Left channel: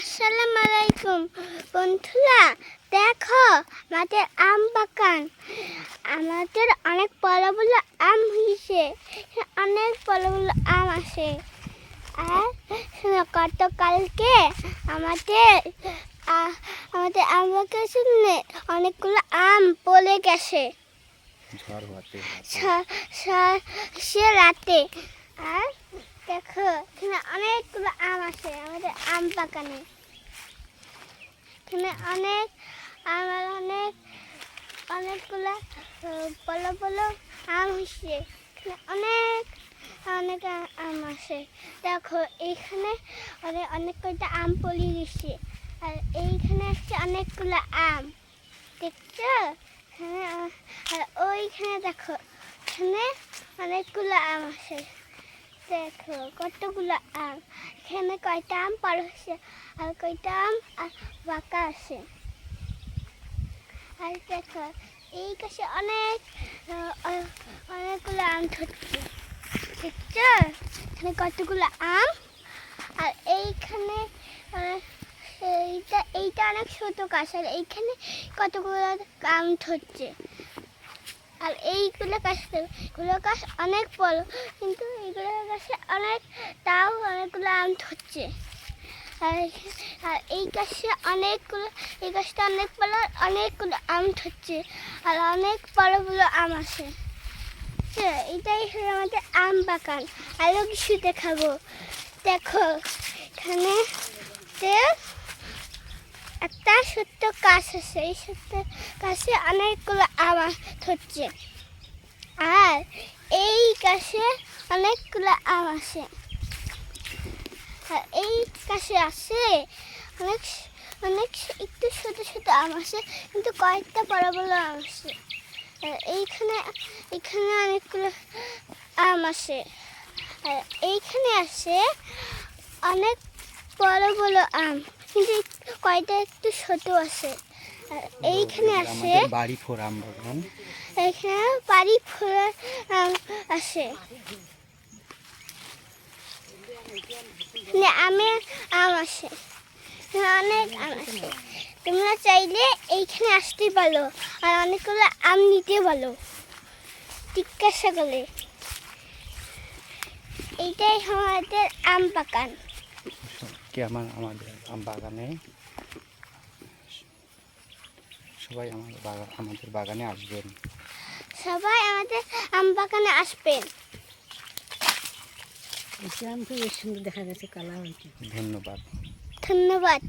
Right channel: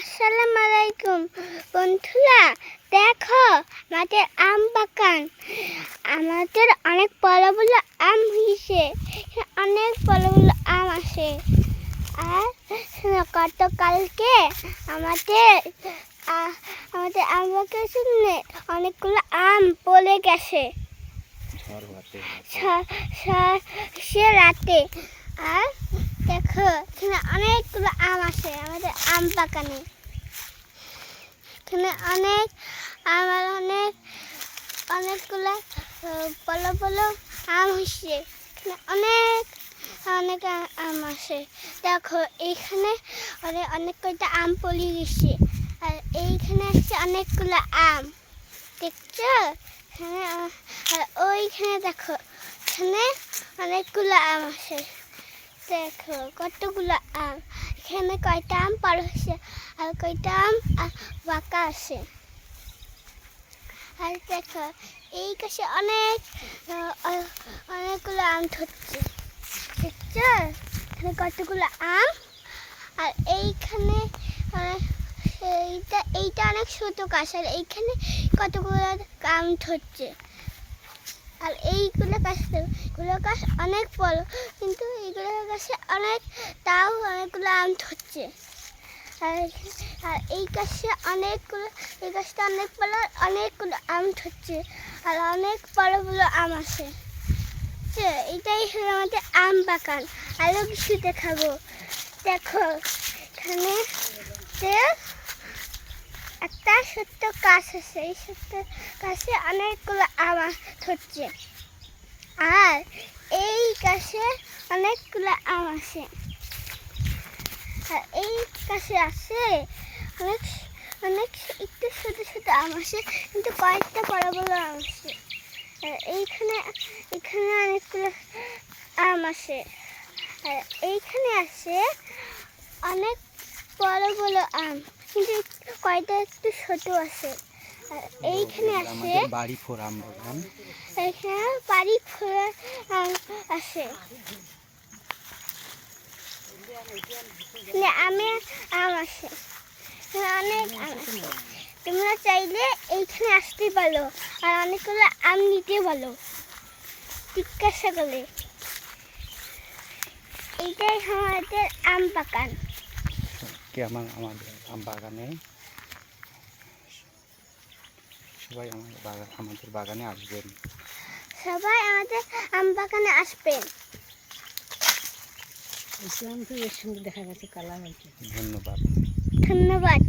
আসসালামু আলাইকুম বন্ধুরা, দেখো আমাদের আম বাগান। আমাদের অনেক বড় বড় আম হয়েছে, অনেক বড় বড় আম আসে। আর গতকালকে আমাদের আমাদের আম বাগানে অনেকগুলো আম পড়ে গেছে সে রাতে। আর দেখো এখানে অনেকগুলো আম আছে আমাদের আম বাগানে। এখানে অনেকগুলো বড় বড় আম হয়েছে। এখানে অনেক আম আছে। দেখো এইখানে অনেক কয়টা আম পড়ে গেছে। আর এইখানে আছে অনেকগুলো আম, দেখছো? আর ওইখানে দেখো, এখানে অনেকগুলো আম আছে। দেখো কতগুলো আম। এখানে কয়টা আম পাড়া হয়েছে আর কয়টা আম বাঁকা আছে। আর দেখো এই কাছে অনেকগুলো আম ধরছে, দেখছো? এখানে কতগুলো আম। আর এইখানে এইটা অনেক ছোট গাছ। আর এইখানে কতগুলো আম ধরছে। আর এইগুলো গাছ অনেক বড়, কিন্তু এইগুলো গাছে তাও অনেকগুলো আম ধরছে। আর এই গাছটা অনেক বড়, অনেকগুলো আম ধরছে। আর অনেক বড় বড় আম আছে। এটাই হলো আমাদের আম বাগান। আরও কিছু দেখাবো। দেখো এখানে একটা ছোট্ট গাছ আছে, এই ছোট্ট গাছে অনেকগুলো আম ধরছে। আর এই গাছে অনেকগুলো আম আছে। আর এই গাছে আছে অনেক একটু ছোট ছোট আম আছে, কিন্তু কয়েকটা বড় বড় আম আছে। আর এইখানে অনেকগুলো আম আছে। আর এইখানে আছে অনেক বড় বড় আম, কিন্তু কয়টা একটু ছোট আছে। আর এইখানে আছে বাড়ি ফোর আম বাগান। এখানে বাড়ি ফোড়ার আম আছে। আম আছে, অনেক আম আছে। তোমরা চাইলে এইখানে আসতে পারো আর অনেকগুলো আম নিতে পারো জিজ্ঞাসা করলে। এইটাই আমাদের আম বাগান। আমাদের আম বাগানে সবাই আমাদের বাগানে আসবেন। সবাই আমাদের আম বাগানে আসবেন। ধন্যবাদ। ধন্যবাদ।